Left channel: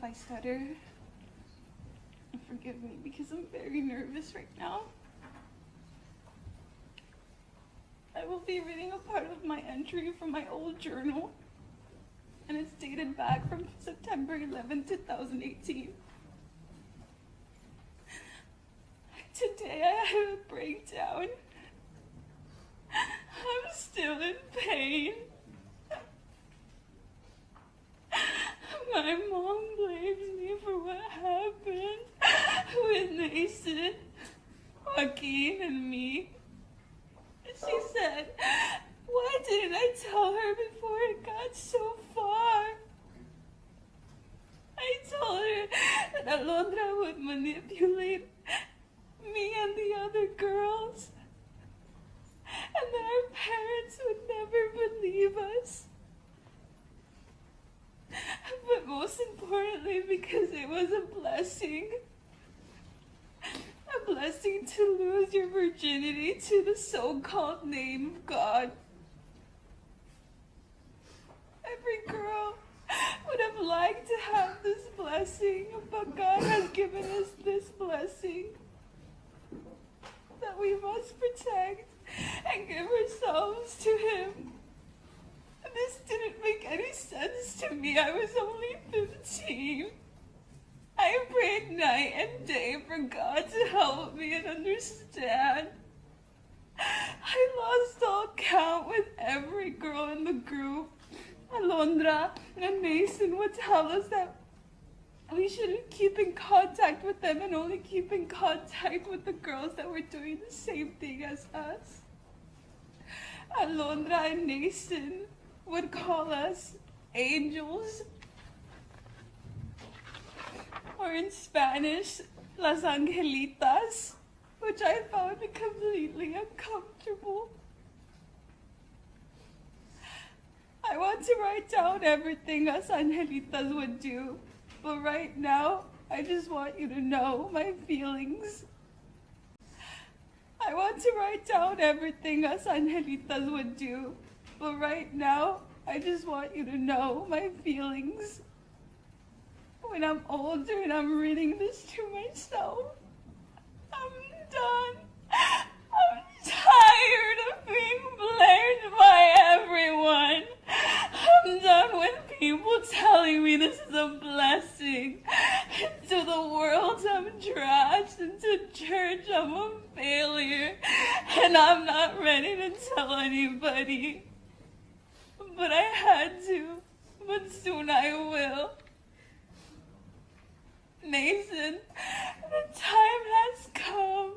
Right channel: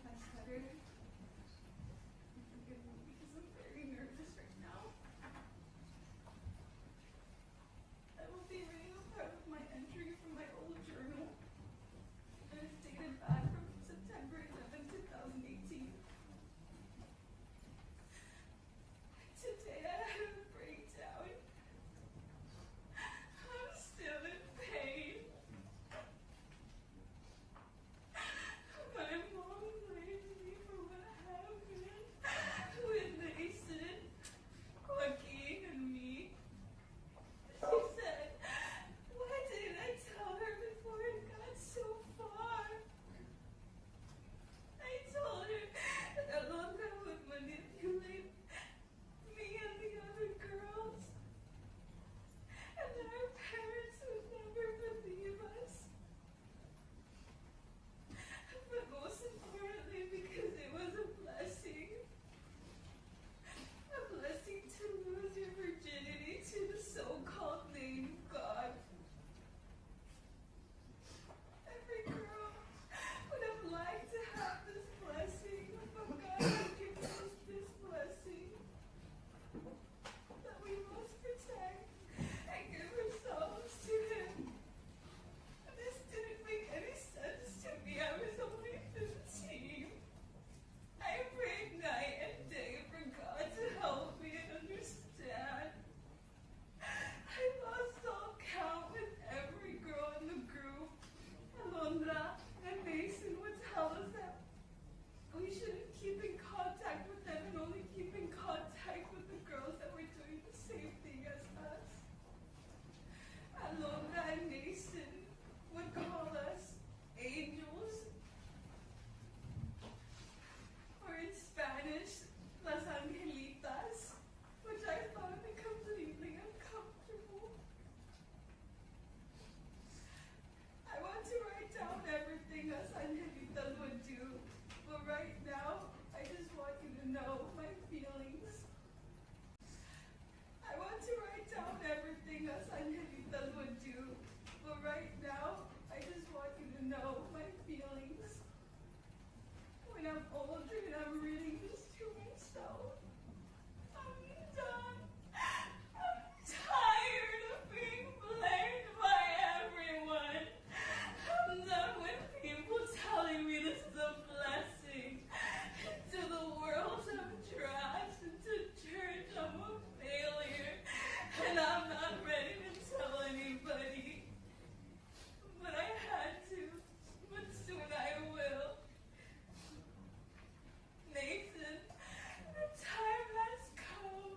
if I stutter. Forgive me because I'm very nervous right now. I will be reading a part of my entry from my old journal, and it's dated back from September 11, 2018. Today I had a breakdown. I'm still in pain. My mom blames me for what happened with Naissen, Khwakin, and me. She said, why didn't I tell her before it got so far? I told her that Alondra would manipulate me and the other girls, and that our parents would never believe us. But most importantly, because it was a blessing to lose your virginity to the so-called name of God. Every girl would have liked to have this blessing, but God has given us this blessing that we must protect and give ourselves to Him. This didn't make any sense to me. I was only 15. I prayed night and day for God to help me and understand. I lost all count with every girl in the group. Alondra and Naissen would tell us that we shouldn't keep in contact with them and only keep in contact with the girls that were doing the same thing as us. Alondra and Naissen would call us angels, or in Spanish, las angelitas, which I found completely uncomfortable. I want to write down everything us angelitas would do, but right now, I just want you to know my feelings. I want to write down everything us angelitas would do, but right now, I just want you to know my feelings. When I'm older and I'm reading this to myself, I'm done. I'm tired of being blamed by everyone. I'm done with people telling me this is a blessing. Into the world, I'm trash. Into church, I'm a failure. And I'm not ready to tell anybody. But I had to. But soon I will. Naissen, the time has come.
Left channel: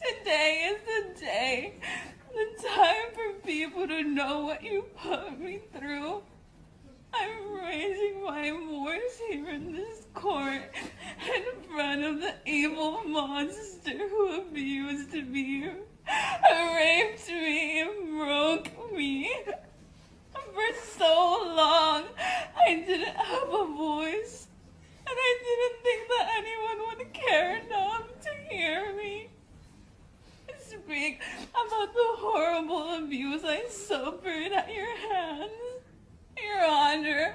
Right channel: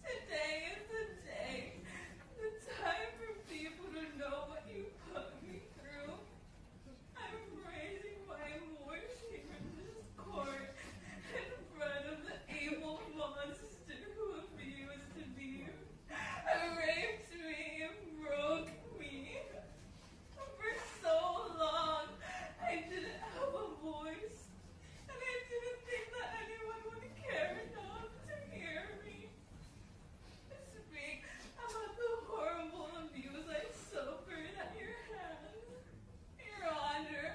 Today is the day. The time for people to know what you put me through. I'm raising my voice here in this court in front of the evil monster who abused me, raped me, and broke me. For so long, I didn't have a voice, and I didn't think that anyone would care enough to hear me speak about the horrible abuse I suffered at your hands, Your Honor.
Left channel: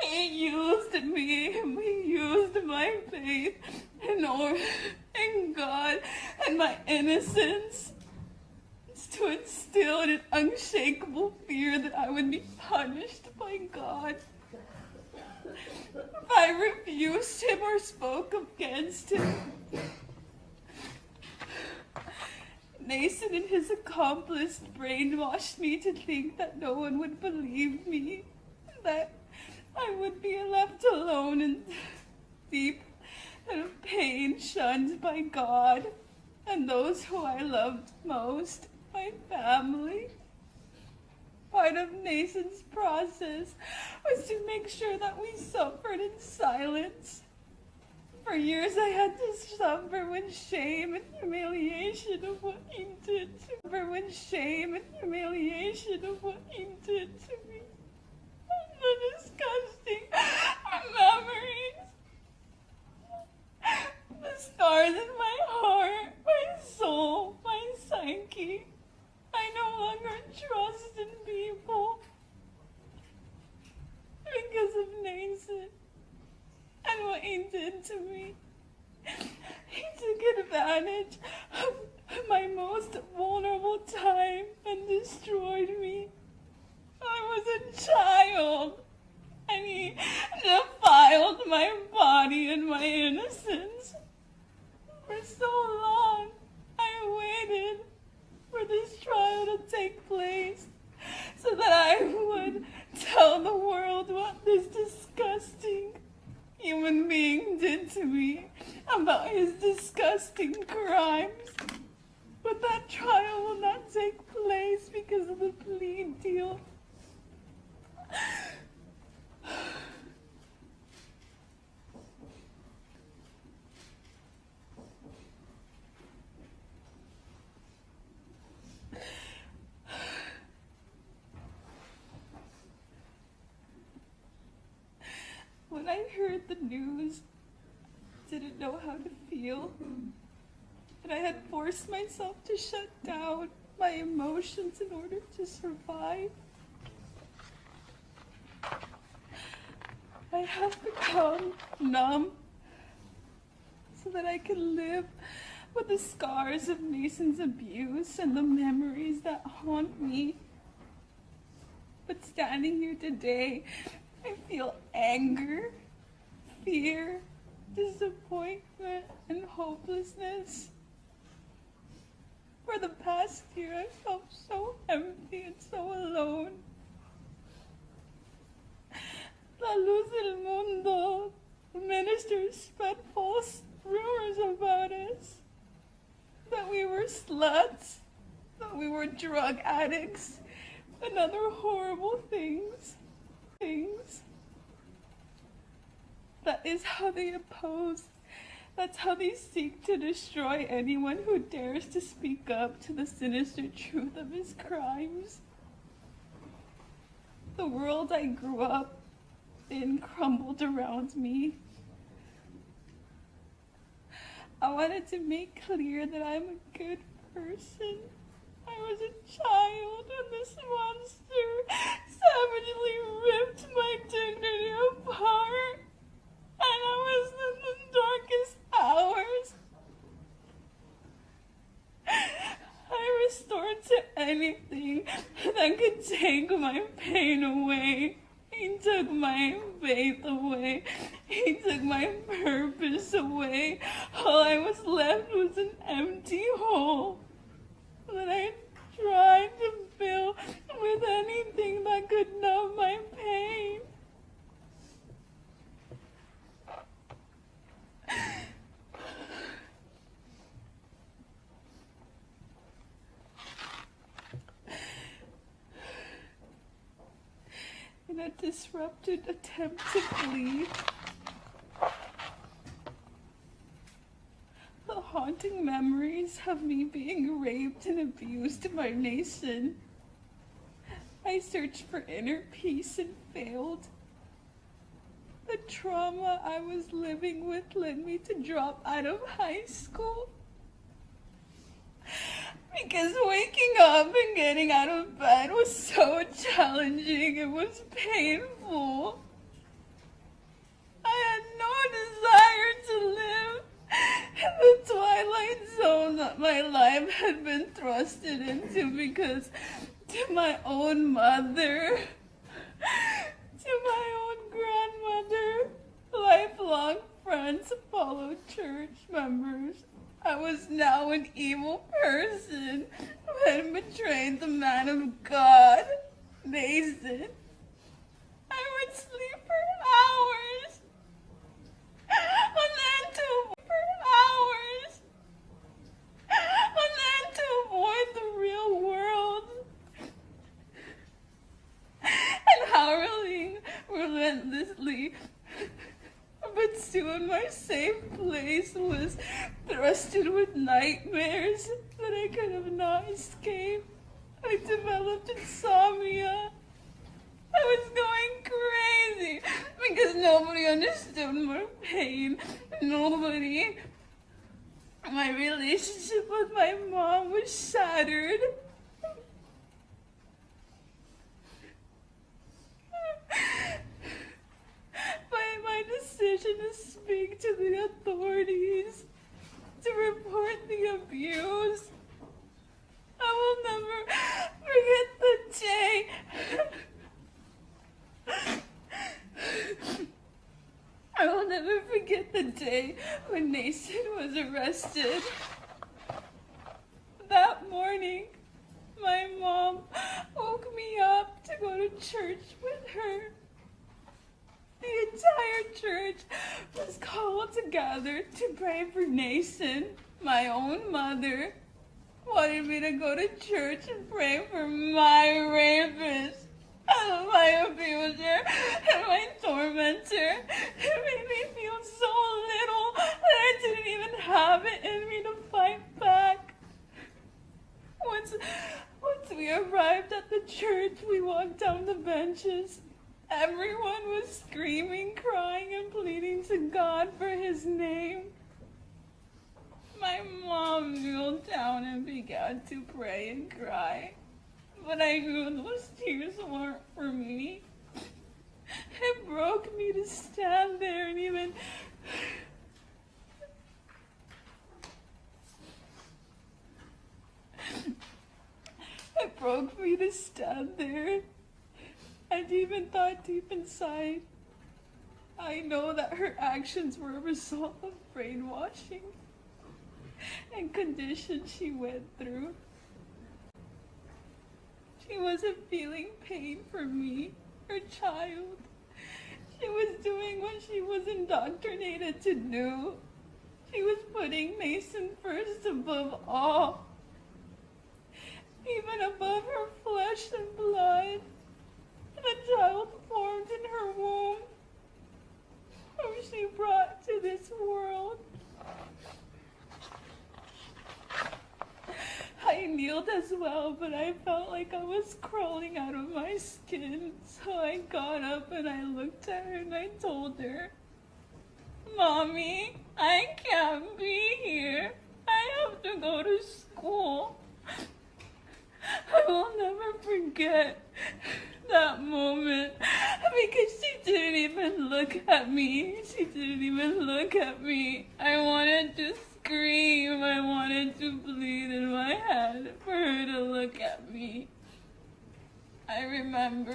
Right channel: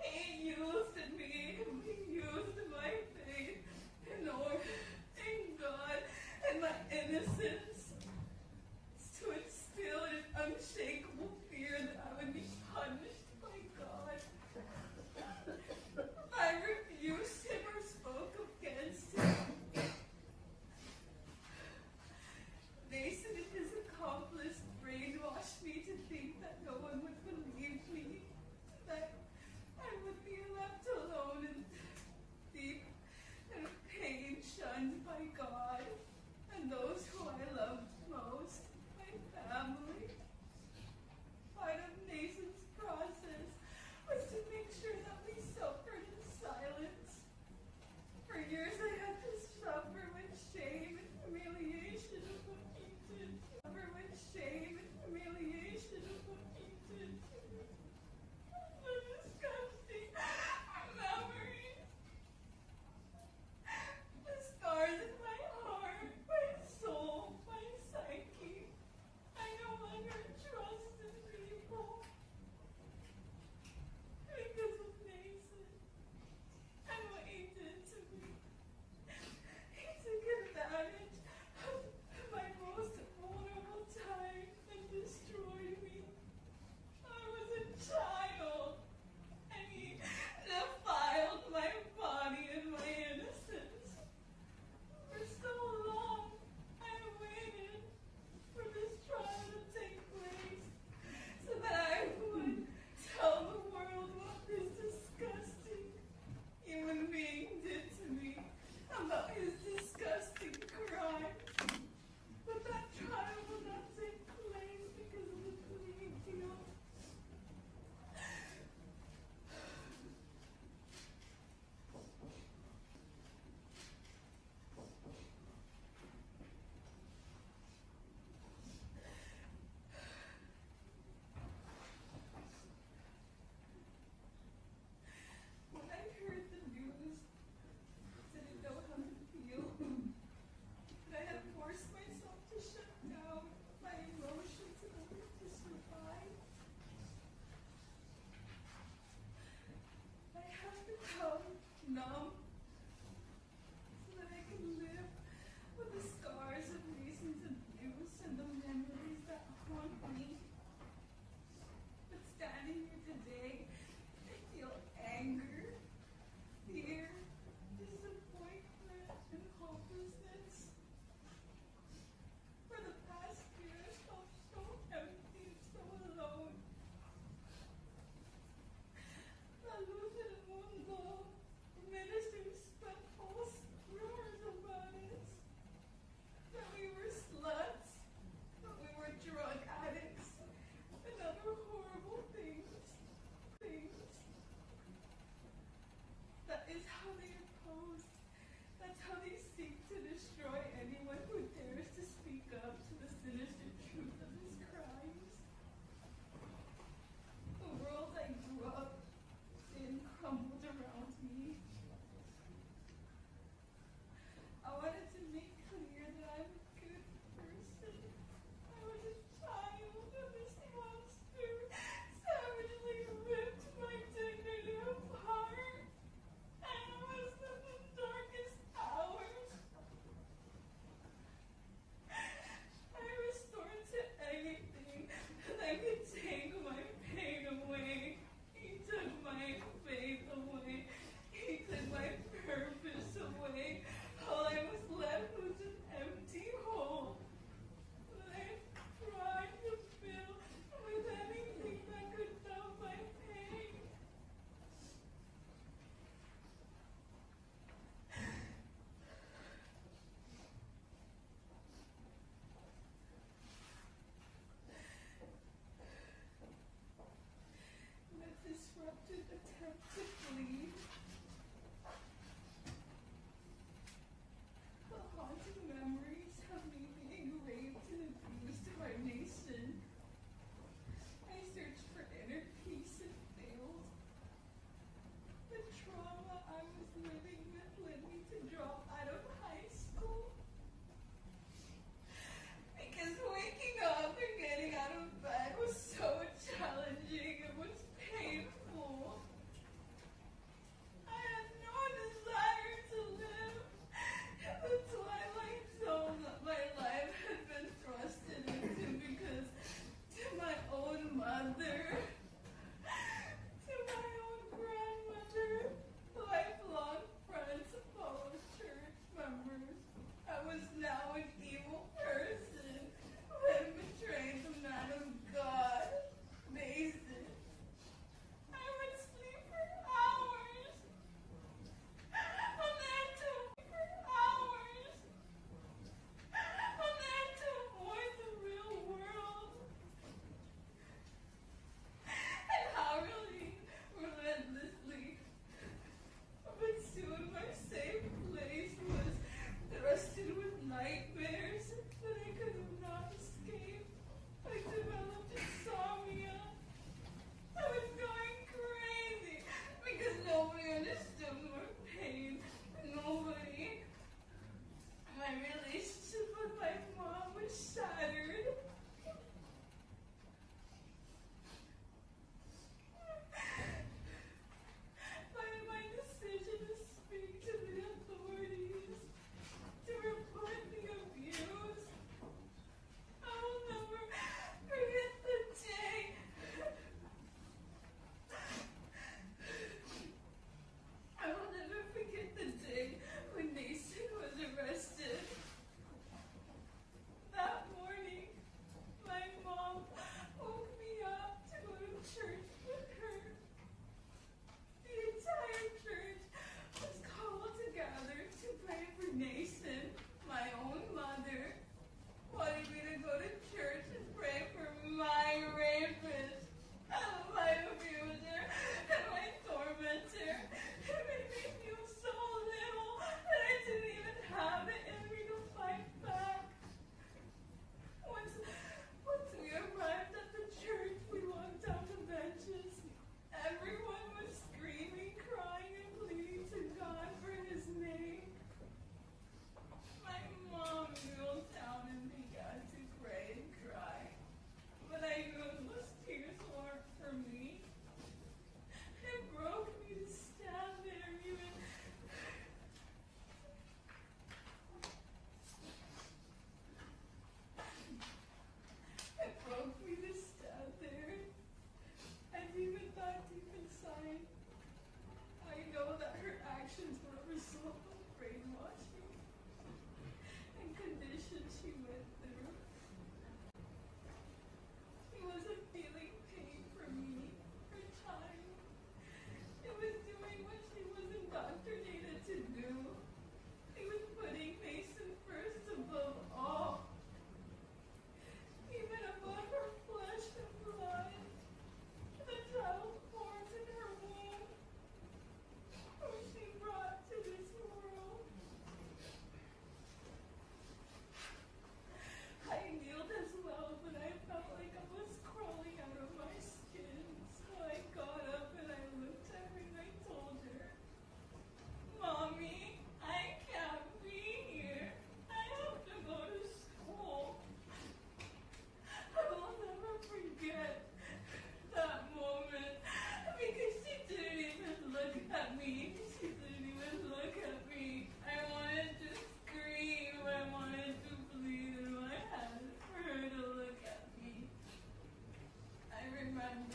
He used me, he used my faith in God and my innocence to instill an unshakable fear that I would be punished by God if I refused him or spoke against him. Naissen and his accomplice brainwashed me to think that no one would believe me, that I would be left alone and deep in pain, shunned by God and those who I loved most, my family. Part of Naissen's process was to make sure that we suffered in silence. For years I had to suffer with shame and humiliation of what he did to me. Suffer with shame and humiliation of what he did to me. The disgusting memories. The scars in my heart, my soul, my psyche. I no longer trust in people. did to me. He took advantage of my most vulnerable time and destroyed me. I was a child, and he defiled my body and my innocence. For so long, I waited for this trial to take place so that I would tell the world what this disgusting human being did to me, about his disgusting crimes. But that trial will not take place because of the plea deal. When I heard the news, didn't know how to feel, and I had forced myself to shut down my emotions in order to survive. I have become numb so that I can live with the scars of Nason's abuse and the memories that haunt me. But standing here today, I feel anger, fear, disappointment, and hopelessness. For the past year, I felt so empty and so alone. La luz del mundo, the ministers spread false rumors about us, that we were sluts, that we were drug addicts, and other horrible things. That is how they oppose. That's how they seek to destroy anyone who dares to speak up to the sinister truth of his crimes. The world I grew up in crumbled around me. I wanted to make clear that I'm a good person. I was a child and this monster savagely ripped my dignity apart. And I was in the darkest hours. I restored to anything that could take my pain away. He took my faith away. He took my purpose away. All I was left was an empty hole that I tried to fill with anything that could numb my pain. In a disrupted attempt to flee, the haunting memories of me being raped and abused by Naisen. I searched for inner peace and failed. The trauma I was living with led me to drop out of high school. Because waking up and getting out of bed was so challenging, it was painful. I had no desire to live in the twilight zone that my life had been thrusted into, because to my own mother, to my own grandmother, lifelong friends, fellow church members, I was now an evil person who had betrayed the man of God, Naisen. I would sleep for hours, and then to avoid the real world. And how relentlessly, but soon my safe place was thrusted with nightmares that I could have not escaped. I developed insomnia. I was going crazy because nobody understood my pain. Nobody. My relationship with my mom was shattered. By my decision to speak to when Naysen was arrested. That morning, my mom woke me up to go to church with her. The entire church was called together to pray for Naysen. My own mother wanted me to go to church and pray for my rapist, my abuser, and my tormentor. It made me feel so little that I didn't even have it in me to fight back. Once we arrived at the church, we walked down the benches. Everyone was screaming, crying, and pleading to God for his name. My mom kneeled down and began to pray and cry, but I knew those tears weren't for me. It broke me to stand there and even it broke me to stand there and even thought deep inside, I know that her actions were a result of brainwashing and conditions she went through. She wasn't feeling pain for me, her child. She was doing what she was indoctrinated to do. She was putting Naysen first above all, even above her flesh and blood, the child formed in her womb, whom she brought to this world. I kneeled as well, but I felt like I was crawling out of my skin. So I got up and I looked at her and I told her, Mommy, I can't be here. I have to go to school. I will never forget that moment because she didn't even look at me. She didn't even look at me. I wanted to scream. I wanted to bleed in my head for her to look at me. I remember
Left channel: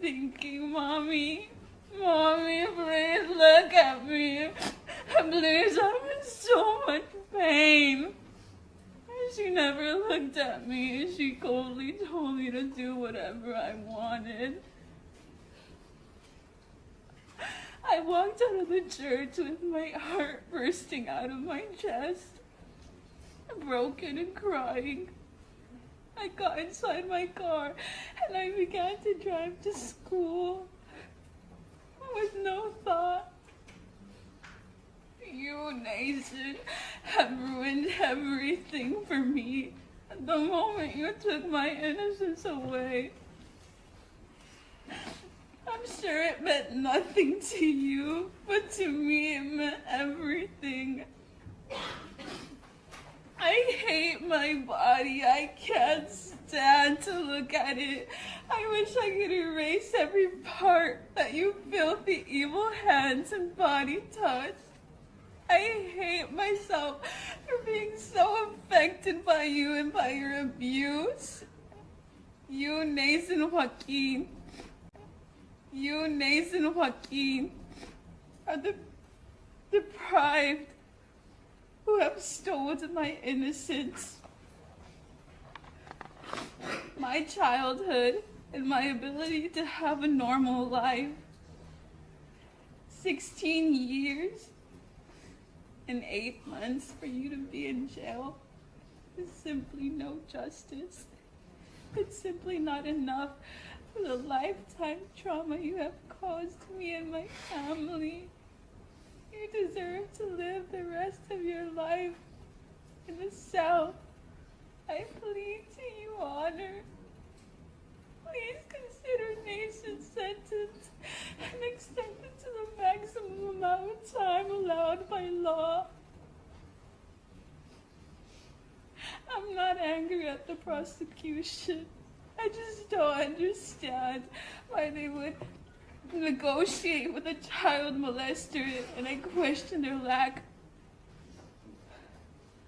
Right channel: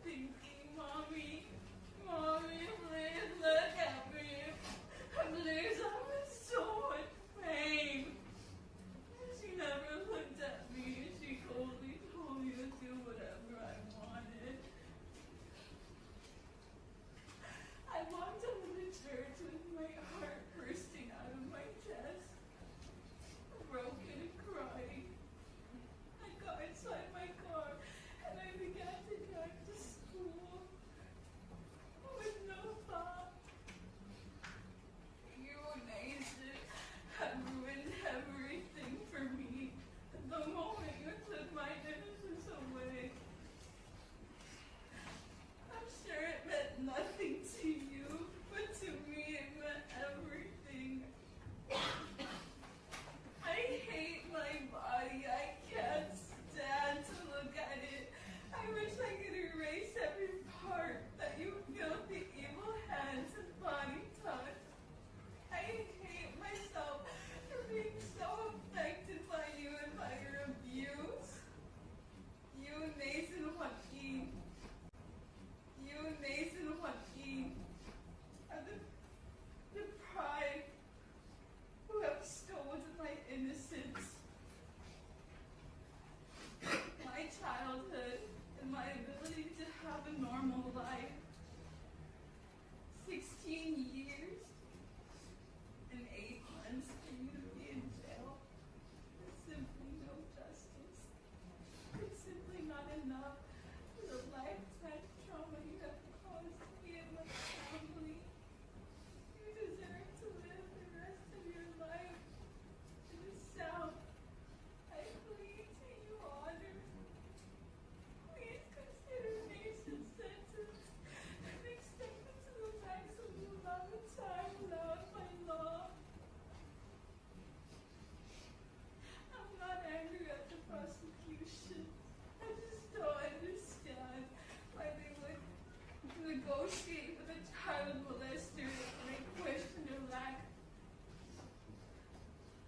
thinking, Mommy, please look at me. Please, I'm in so much pain. She never looked at me. She coldly told me to do whatever I wanted. I walked out of the church with my heart bursting out of my chest, broken and crying. I got inside my car and I began to drive to school with no thought. You, Naysen, have ruined everything for me. The moment you took my innocence away, I'm sure it meant nothing to you, but to me it meant everything. I hate my body. I can't stand to look at it. I wish I could erase every part that you filthy, evil hands and body touch. I hate myself for being so affected by you and by your abuse. You, Khwaakeen, are the deprived who have stolen my innocence, my childhood, and my ability to have a normal life. 16 years and 8 months for you to be in jail is simply no justice. It's simply not enough for the lifetime trauma you have caused me and my family. You deserve to live the rest of your life in the South. I plead to you, Honor. Please consider Naysen's sentence and extend it to the maximum amount of time allowed by law. I'm not angry at the prosecution. I just don't understand why they would negotiate with a child molester, and I question their lack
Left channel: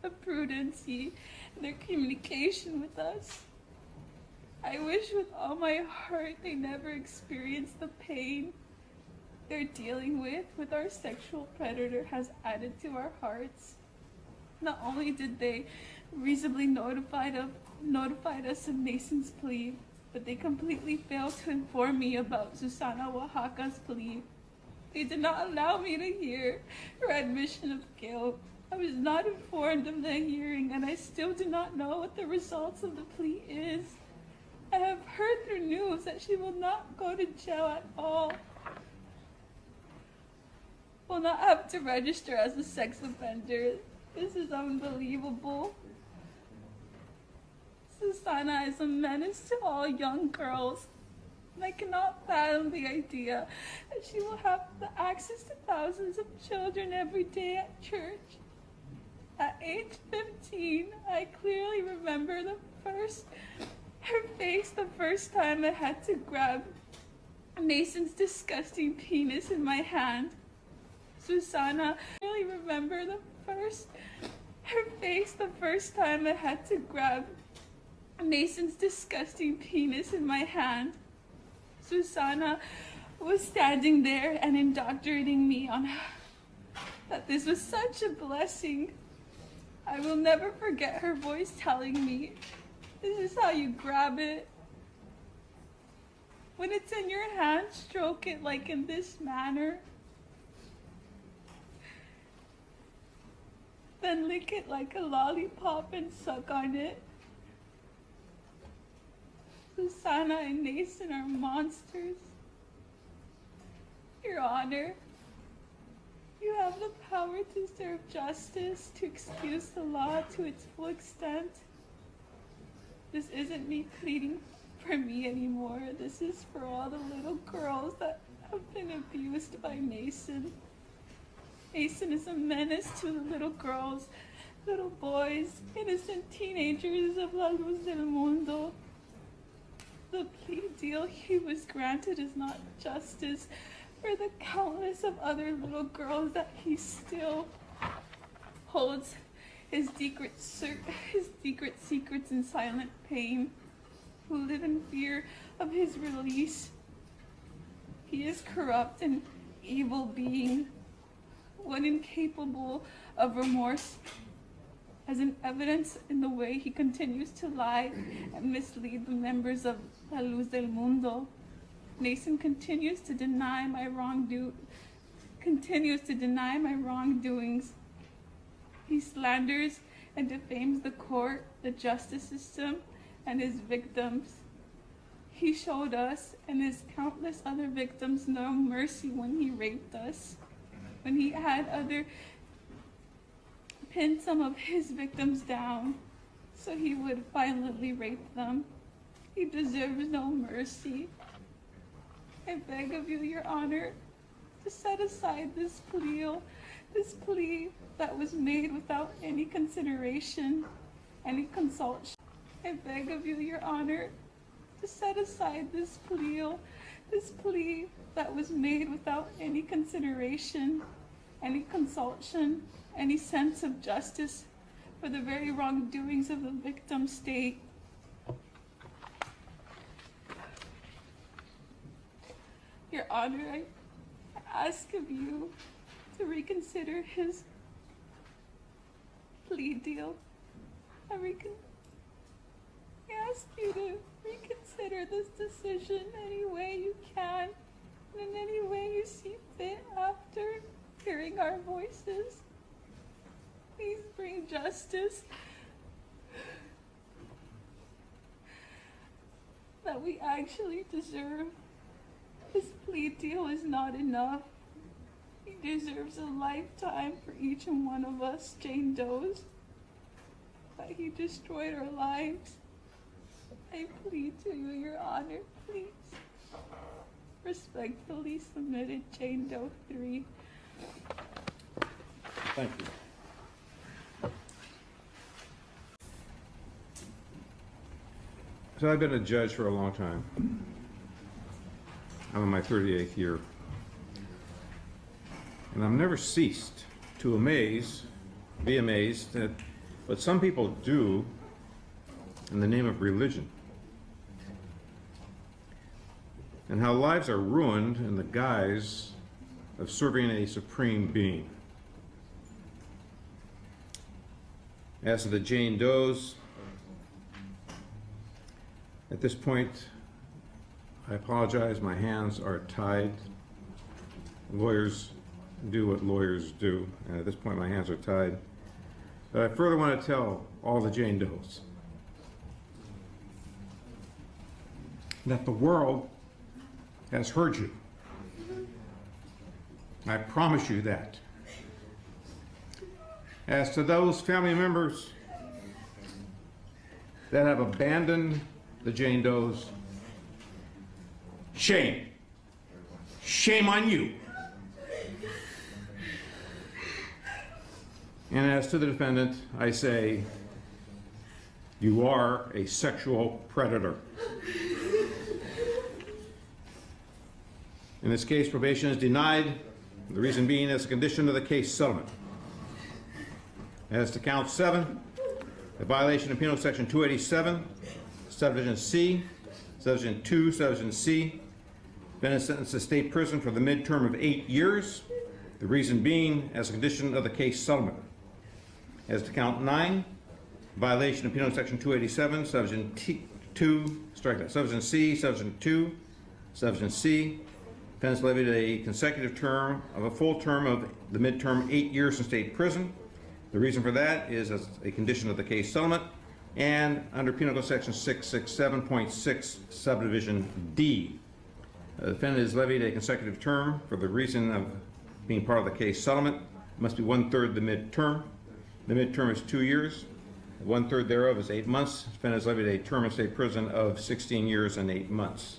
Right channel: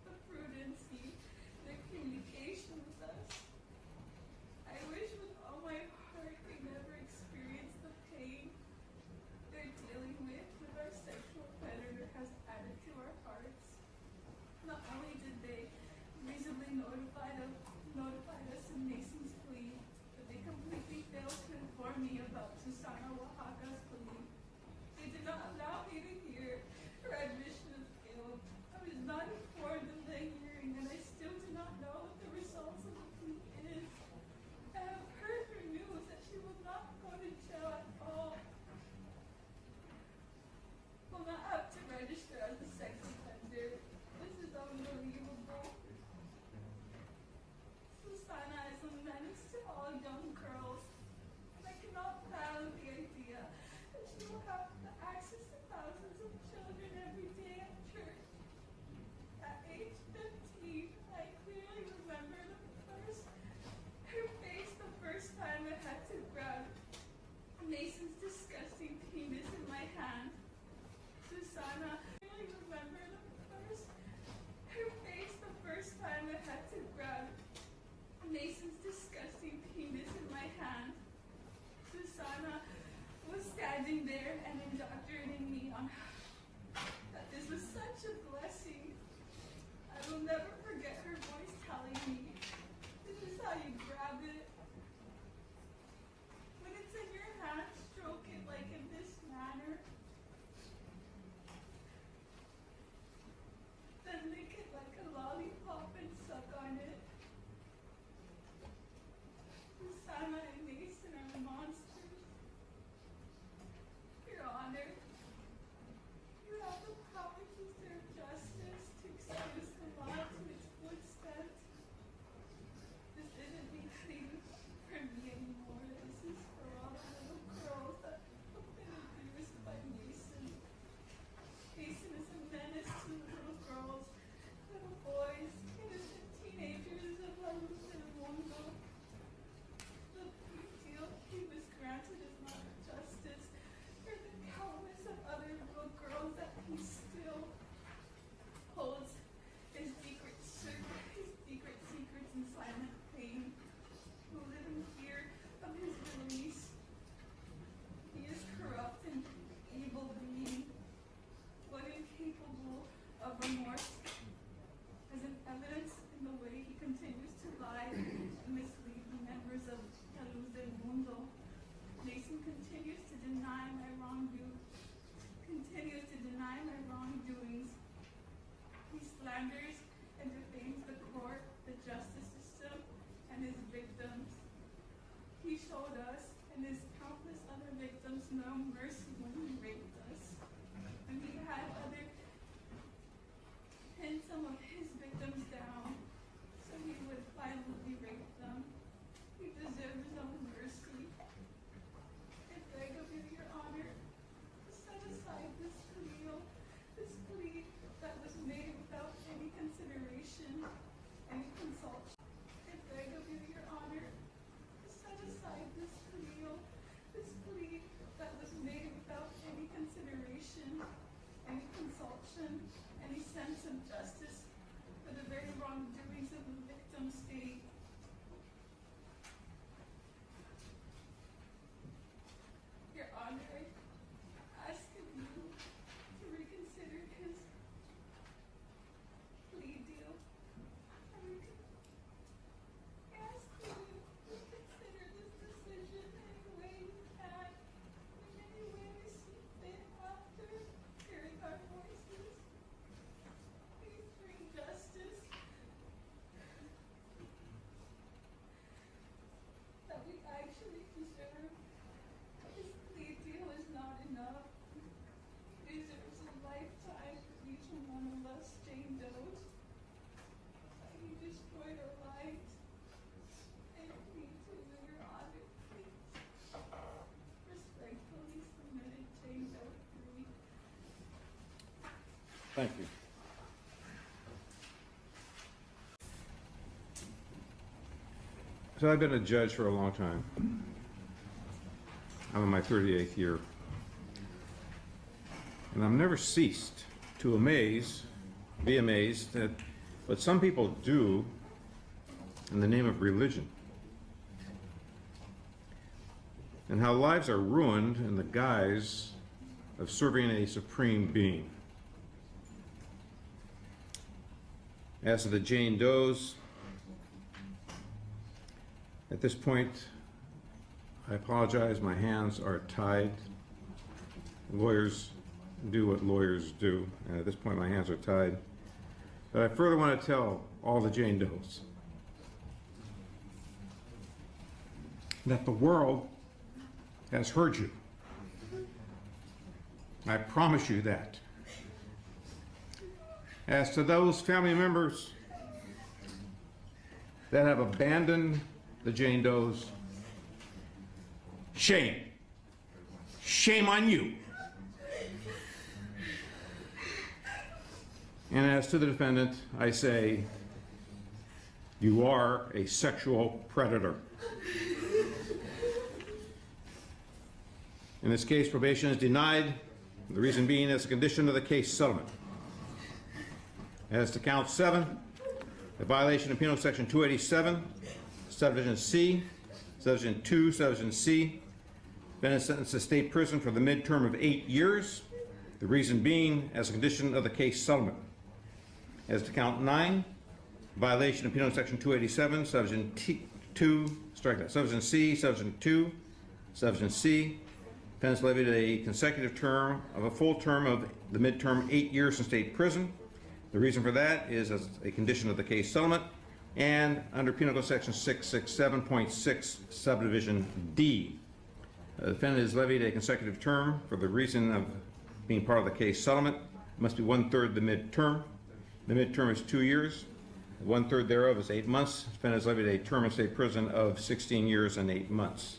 of prudency in their communication with us. I wish with all my heart they never experienced the pain they're dealing with our sexual predator has added to our hearts. Not only did they reasonably notified us of Naisen's plea, but they completely failed to inform me about Susana Oaxaca's plea. They did not allow me to hear her admission of guilt. I was not informed of the hearing, and I still do not know what the results of the plea is. I have heard through news that she will not go to jail at all. Will not have to register as a sex offender. This is unbelievable. Susana is a menace to all young girls, and I cannot fathom the idea that she will have the access to thousands of children every day at church. At age 15, I clearly remember her face the first time I had to grab Mason's disgusting penis in my hand. Susana, I clearly remember her face the first time I had to grab Mason's disgusting penis in my hand. Susana was standing there and indoctrinating me on that this was such a blessing. I will never forget her voice telling me, "This is how you grab it. When it's in your hand, stroke it like in this manner. Then lick it like a lollipop and suck on it." Susana and Naisen are monsters. Your Honor, you have the power to serve justice, to excuse the law to its full extent. This isn't me pleading for me anymore. This is for all the little girls that have been abused by Naisen. Naisen is a menace to the little girls, little boys, innocent teenagers of La Luz del Mundo. The plea deal he was granted is not justice for the countless of other little girls that he still holds his secret secrets in silent pain, who live in fear of his release. He is corrupt and evil being, one incapable of remorse, as an evidence in the way he continues to lie and mislead the members of La Luz del Mundo. Naisen continues to deny my wrongdoings. He slanders and defames the court, the justice system, and his victims. He showed us and his countless other victims no mercy when he raped us, when he had pinned some of his victims down so he would violently rape them. He deserves no mercy. I beg of you, Your Honor, to set aside this plea that was made without any consideration, any consultation. I beg of you, Your Honor, to set aside this plea that was made without any consideration, any consultation, any sense of justice for the very wrongdoings of the victim state. Your Honor, I ask of you to reconsider his plea deal. I ask you to reconsider this decision any way you can, and in any way you see fit after hearing our voices. Please bring justice that we actually deserve. His plea deal is not enough. He deserves a lifetime for each and one of us Jane Does that he destroyed our lives. I plead to you, Your Honor, please. Respectfully submitted, Jane Doe 3. Thank you. So I've been a judge for a long time. I'm in my 38th year. And I've never ceased to be amazed at what some people do in the name of religion, and how lives are ruined in the guise of serving a supreme being. As to the Jane Does, at this point, I apologize, my hands are tied. Lawyers do what lawyers do, and at this point my hands are tied. But I further want to tell all the Jane Does that the world has heard you. I promise you that. As to those family members that have abandoned the Jane Does, shame. Shame on you. And as to the defendant, I say, you are a sexual predator. In this case, probation is denied, the reason being as a condition of the case settlement. As to count 7, a violation of Penal Section 287, subdivision C, subdivision 2, subdivision C, been sentenced to state prison for the midterm of 8 years, the reason being as a condition of the case settlement. As to count 9, violation of Penal Section 287, subdivision 2, strike that, subdivision C, subdivision 2, subdivision C, offense levied a consecutive term of a full term of the midterm 8 years in state prison. The reason for that is as a condition of the case settlement, and under Penal Code Section 667.6, subdivision D. The defendant is levied a consecutive term for the reason of being part of the case settlement. It must be 1/3 the midterm. The midterm is 2 years. 1/3 thereof is 8 months. The defendant is levied a term in state prison of 16 years and 8 months.